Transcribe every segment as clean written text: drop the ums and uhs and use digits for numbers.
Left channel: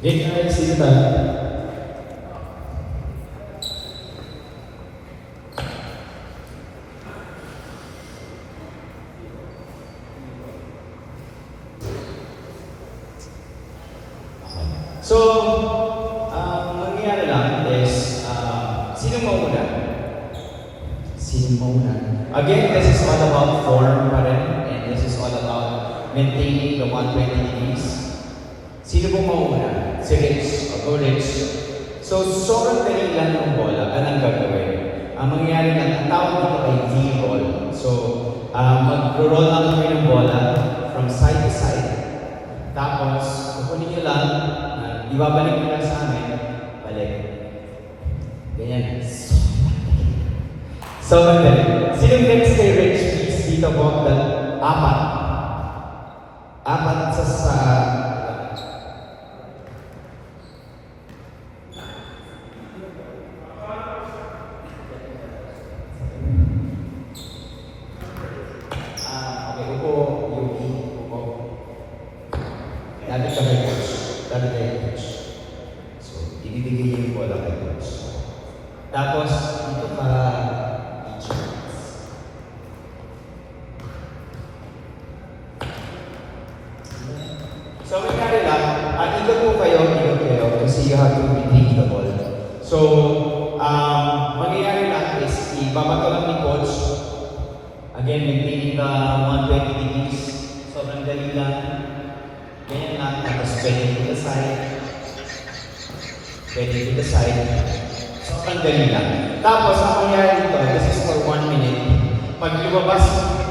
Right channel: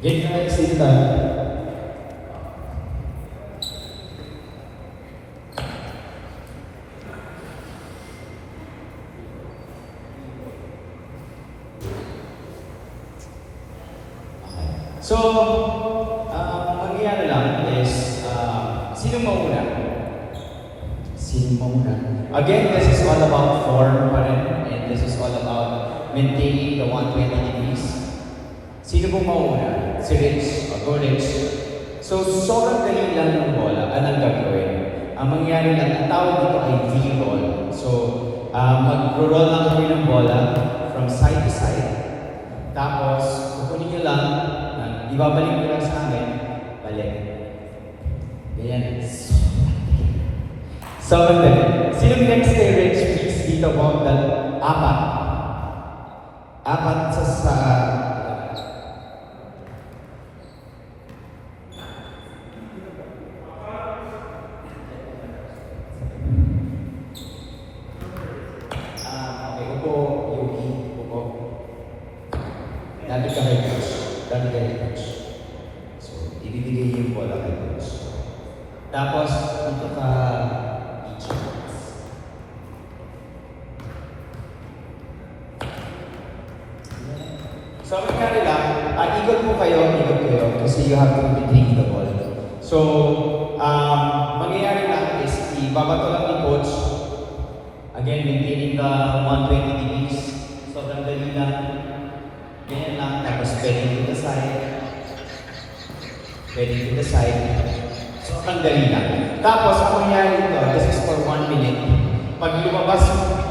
Ganyan sila. So, mangyayari lang is, sino mo muna? Sino mo muna? Again, this is all about form pa rin, and this is all about maintaining the one-way dynamics. Sino mo muna? Si Rich, go Rich. So, sobrang dali lang ng bola, anong gagawin? Ang mangyayari lang, ang tawag dito ay V-roll. So, mag-roll lang kami ng bola from side to side. Tapos, kukunin nyo lang, ibabalik nyo lang sa amin, balik. Ganyan. So, sino next kay Rich, please, dito po, apat. Apat sa tapos, so, kanila, ikot po kayo, kasi you have to maintain the ball. So, mangyayari lang is, ibabato lang ni coach. Again, maintaining the 120 degrees. So, nandali lang. Ganyan lang, tapos bending to the side. Bending to the side. So, tanggalin lang. Tapos, ang mangyayari dito, this is for 1 minute. Pag lumabas,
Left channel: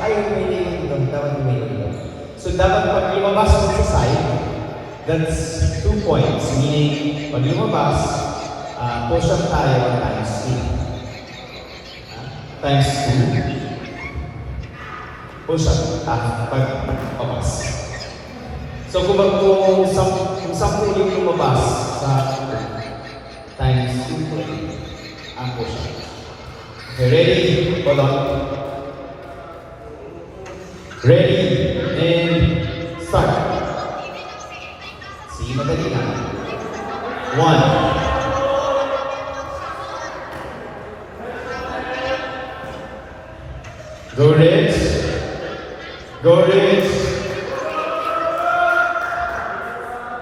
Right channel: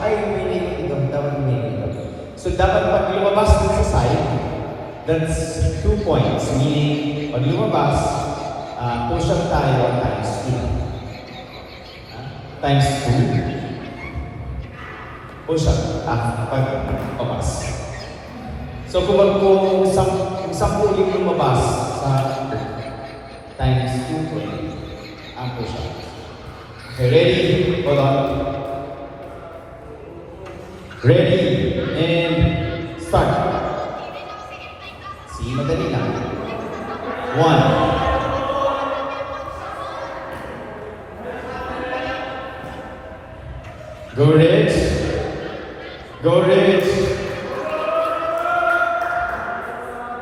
ay, minute dito, so, dapat pag lumabas sa side, that's 2 points. Meaning, pag lumabas, push up tayo times 2. Times 2. Push up, pag lumabas. So, kung sample yung lumabas, times 2 ang push up. Okay, ready? Hold on. Ready? And start. Sige, madali na. 1. Go Rich. Go Rich.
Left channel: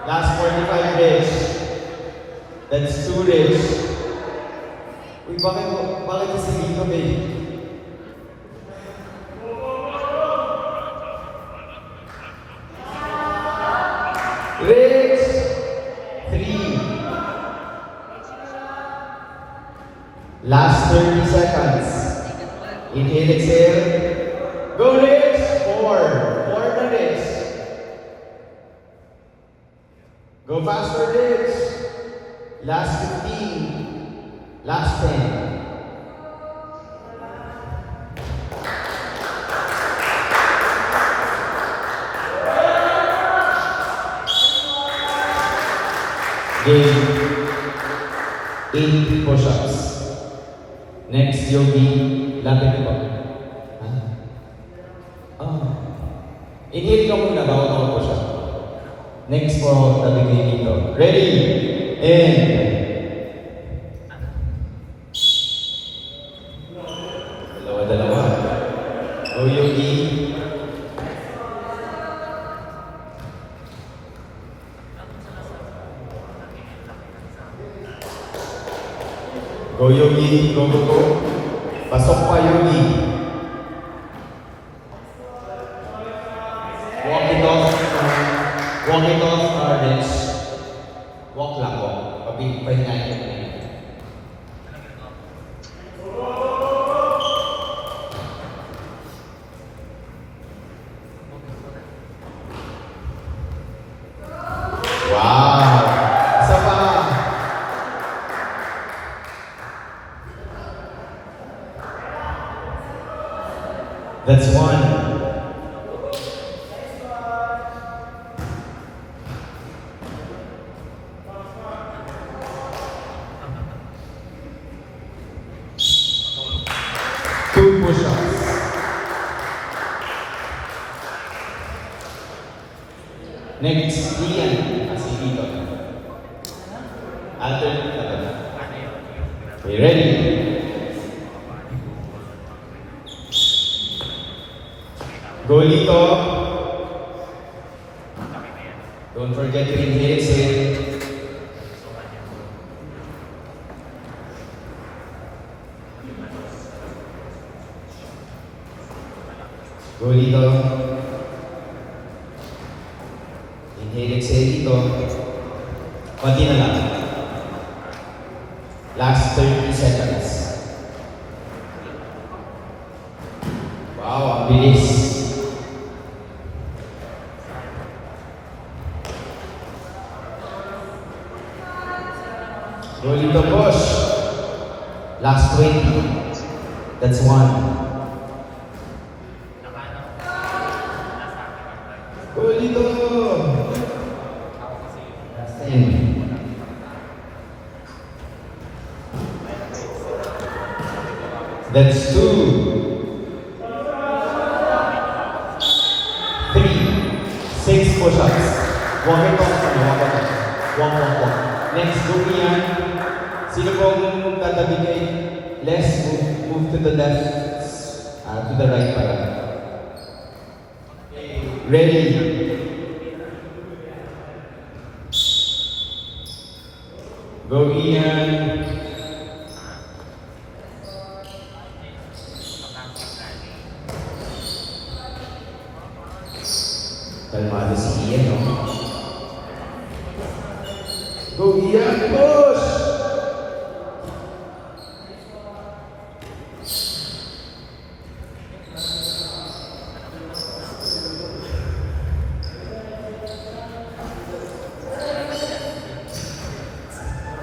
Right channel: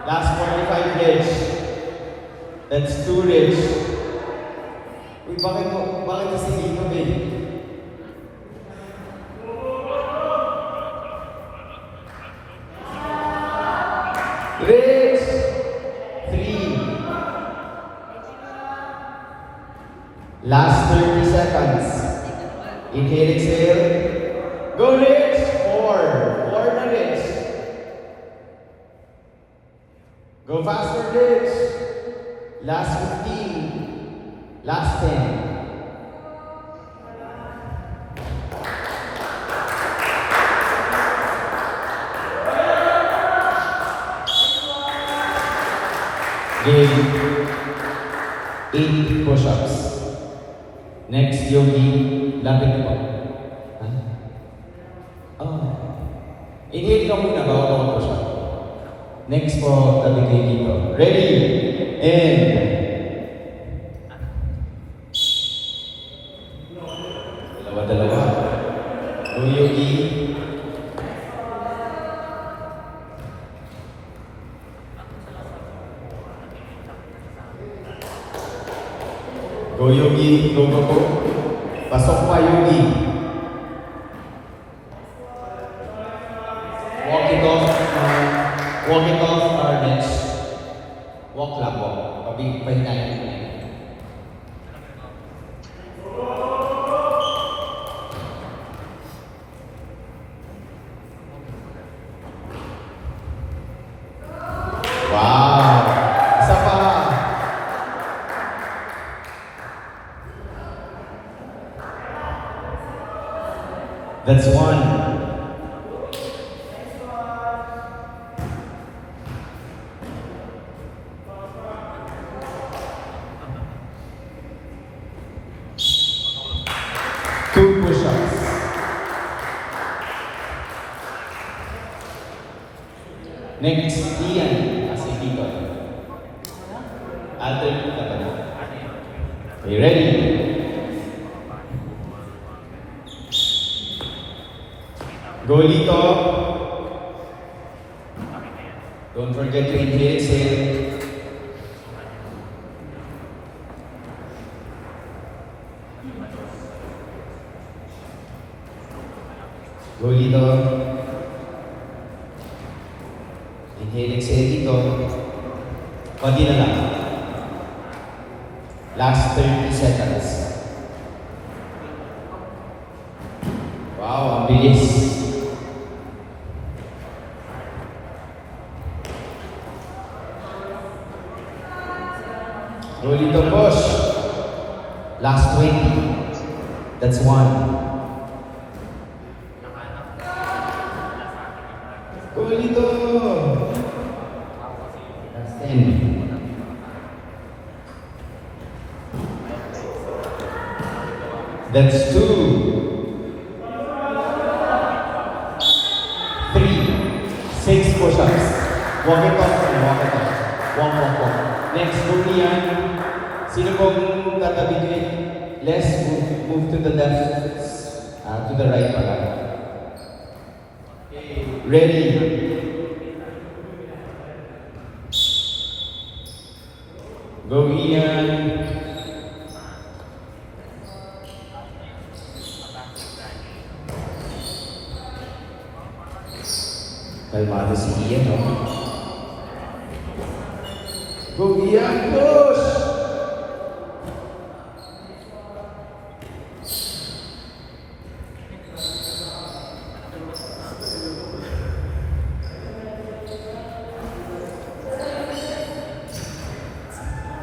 Last 45 Rich. That's 2 Rich. Bakit kasi dito ba eh? Rich. 3. Last 30 seconds. Inhale, exhale. Go Rich. 4. 4 minutes. Go faster, Rich. Last 15. Last 10. Game. 8 push-ups. Next, Yogi, lapit ito. Inhale ka muna bago ka push-up. Next po, tabi kayo dito. Ready? And dalawa. Go Yogi. Go Yogi, go. Pasok ka Yogi. Walk it off, Carnage. Walk lang po. Pabigpay na yun. That's 1. Two push-ups. Next, Ian. Sige. Golito. Don't forget to inhale, exhale. Golito. Inhale, exhale dito. Konti na lang. Last 30 seconds. Wow, ang bilis. Golito push. Last 20. That's one. Golito. That's 10. That's 2. 3. 6 push-ups. Walking up and walk up. Next, move yan. Sino pong tatabi kayo? Let's move to the left, to the right para. Ready? Go Ian. Kalmado si Ian, no? Go Ian, push!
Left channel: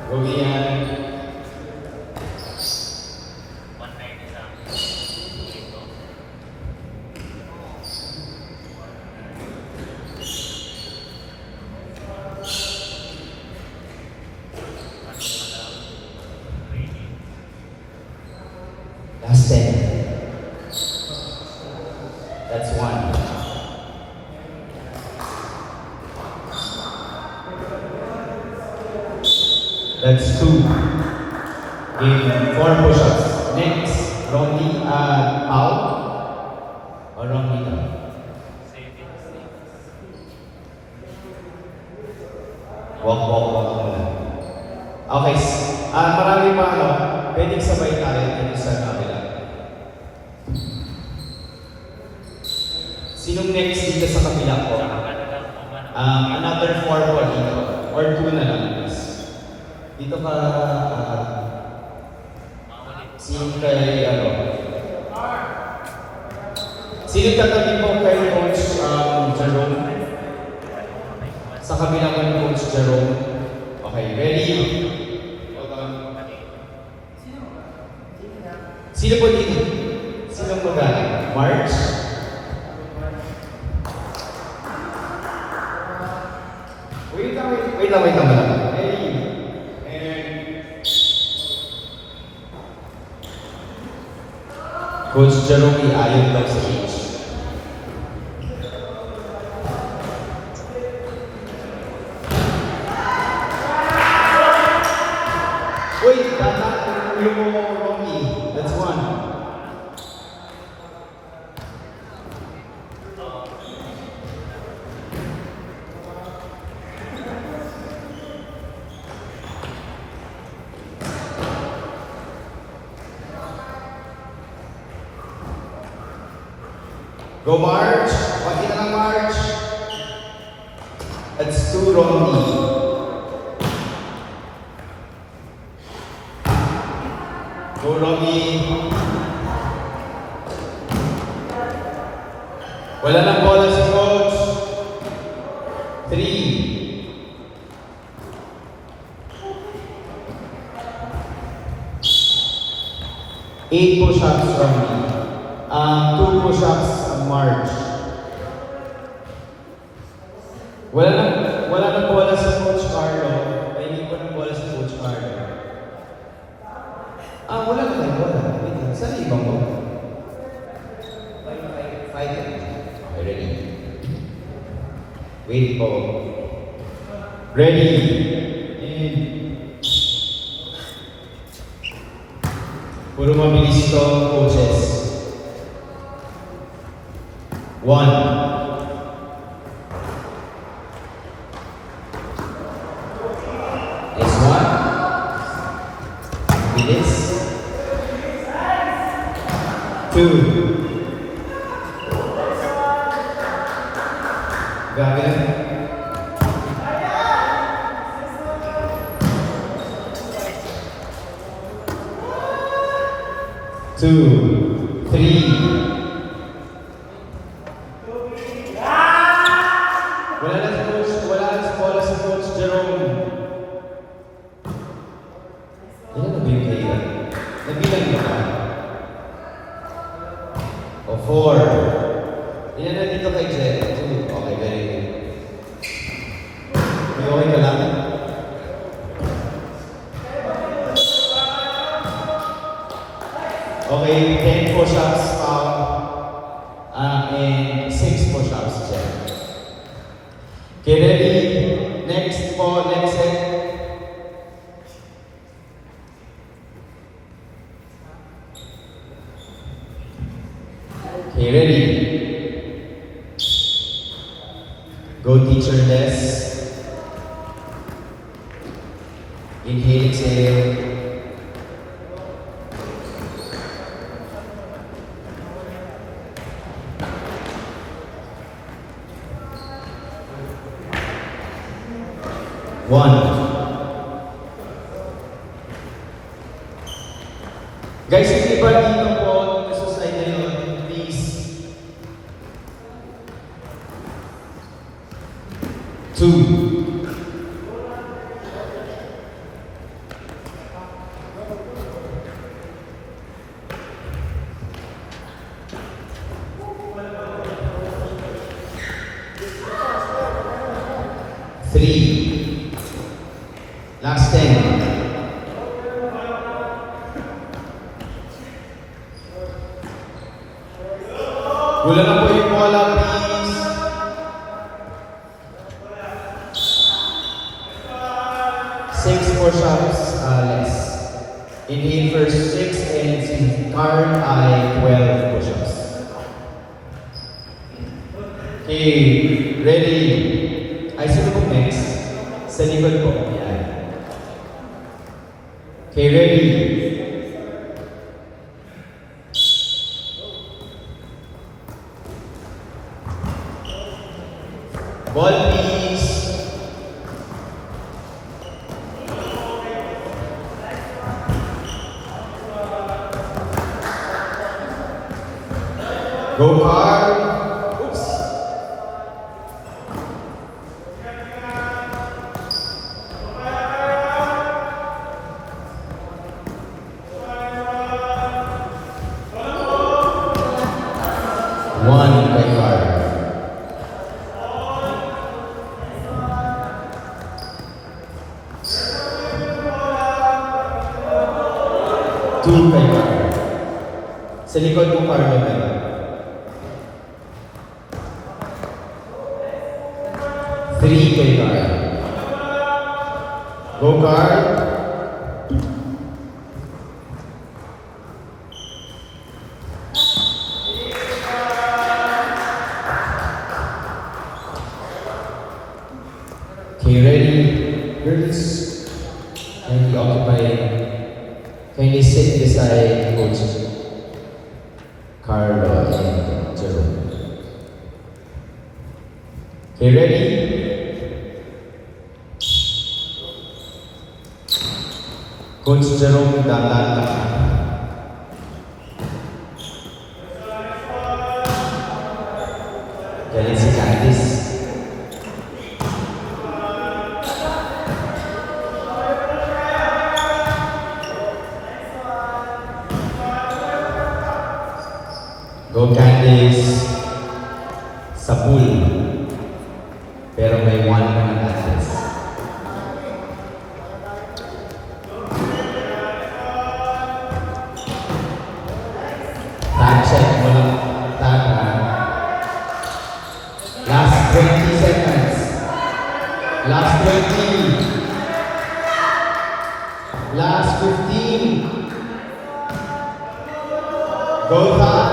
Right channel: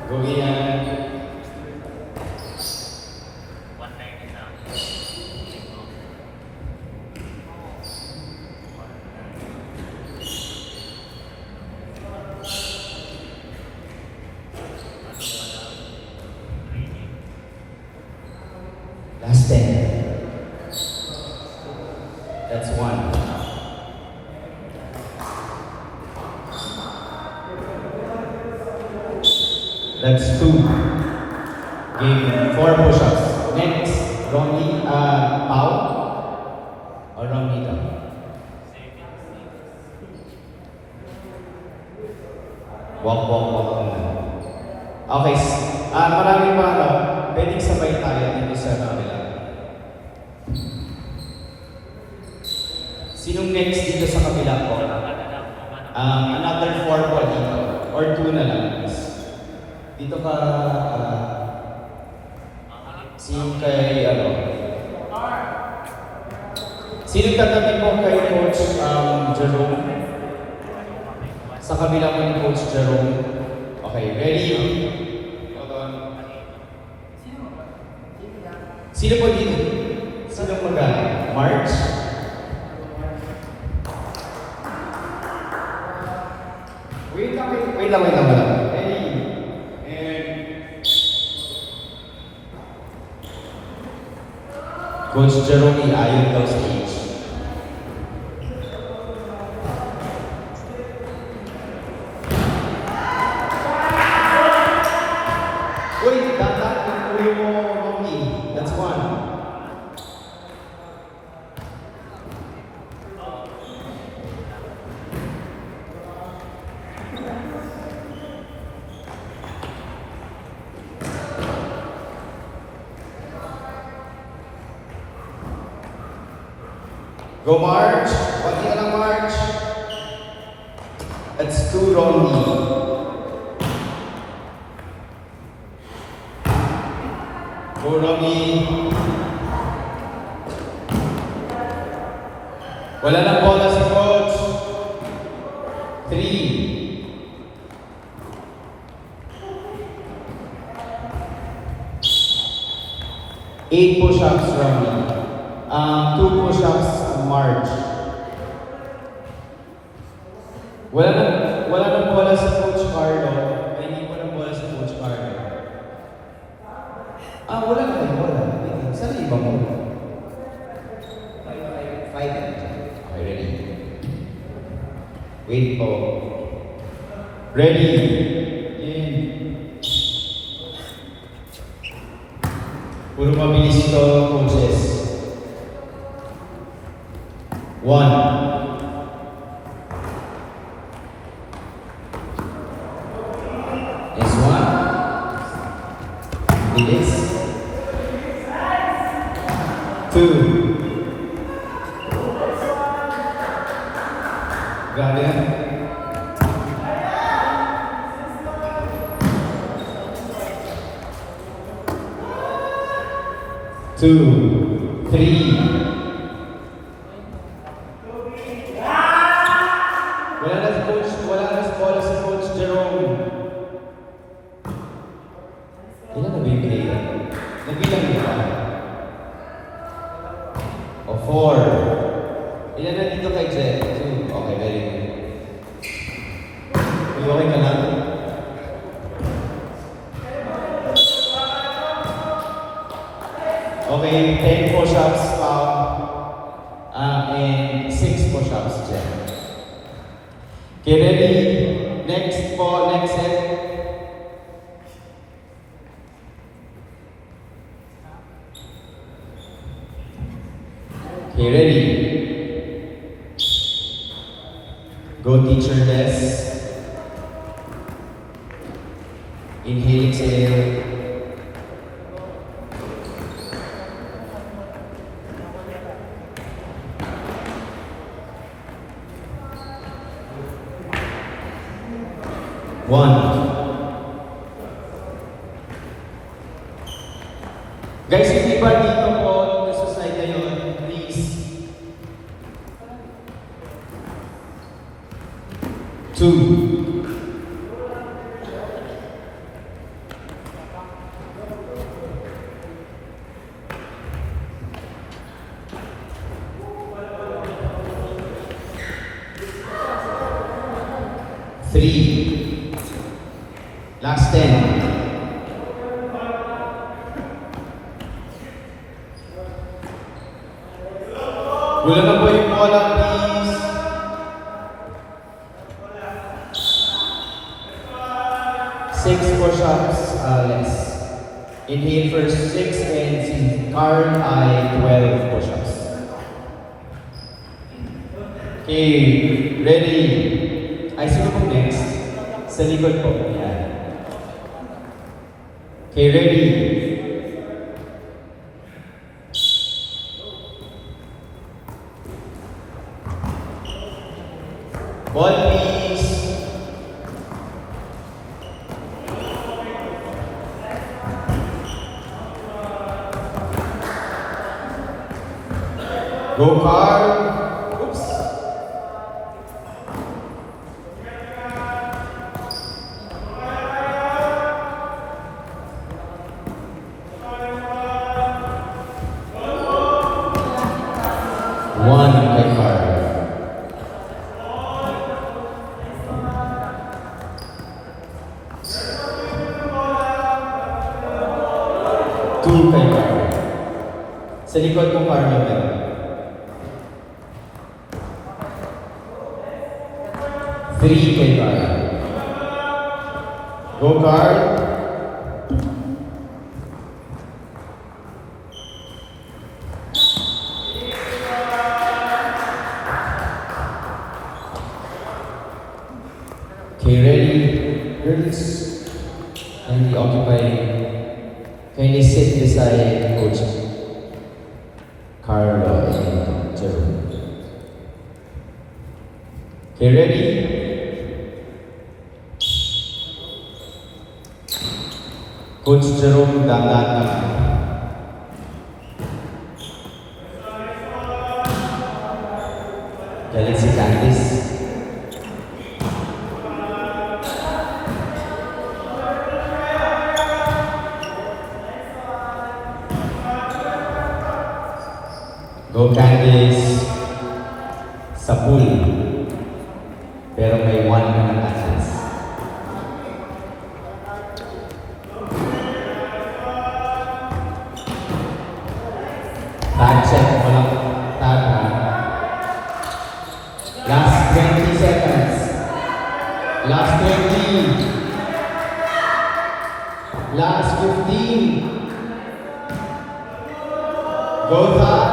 Go Ian. Last 10. That's 1. That's 2. Game 4 push-ups. Next, Ronnie, out. Or Ronnie down. Walk na. Okay. Marami pa pwedeng sabay tayo dito sa kabila. Sinong next dito sa kabila ko? Another 4 pa dito. Or 2 na lang. Dito ka, si kay, sino tatabi mo kay Coach Jerome? Sa kabilang ng Coach Jerome. Okay, ready? Sino po dito? Sino mo galing? March? Wait lang. Coach Jerome ayaw daw sa stage. Uy, uwi mo, Romy. That's 1. Go March. Pati na March. That's 2, Romy. Go Romy. Wala na bola sa coach. 3. 8 push-ups, Romy. 2 push-ups, March. Wala na bola sa Coach Carlo. Hindi ko na bola sa Coach Carlo. Wala na bola. Saan iba mo? Wait po. Ready? In. Puro mabilis ito, coaches. 1. one. Release. Two. Grabe. Two. Three. Wala na sa bola si Coach Jerome. Ilan na ba yung kaya? Nabilang na. O, four. Ilan na dito kay Jen? Two. Okay, very good. May ka lang. Okay, 10 push-ups and 6 push-ups, Jen. Okay, ready? Next po, next set. Okay, ready? Go teacher Des. Inhale, exhale. One. Guys, hindi pa dito po nasa side na yun, please. Two. Three. Last 10. Wala na po yung bola, please. Six push-ups, Alex. Inhale first 6 and si Karen ay 12 push-ups. Okay, ready? Ay, sino po next? Sa likod po. Yan. Okay, ready? Ball, please. Go, car. Oops. One by car. Two kay car. Sa likod yung car niya ba? Three kay car. Go car. Okay, ready? Girls, kindly occupy. Kindly sit beside Coach Carlo and Jerome. Okay, ready? Coach Jerome, dapat na. Kailan si Candice? Go Candice sa pool. Pero may one na Candice. Tag check mo lang. Tag. Last 20 seconds. Last 20. Last 15. Go high.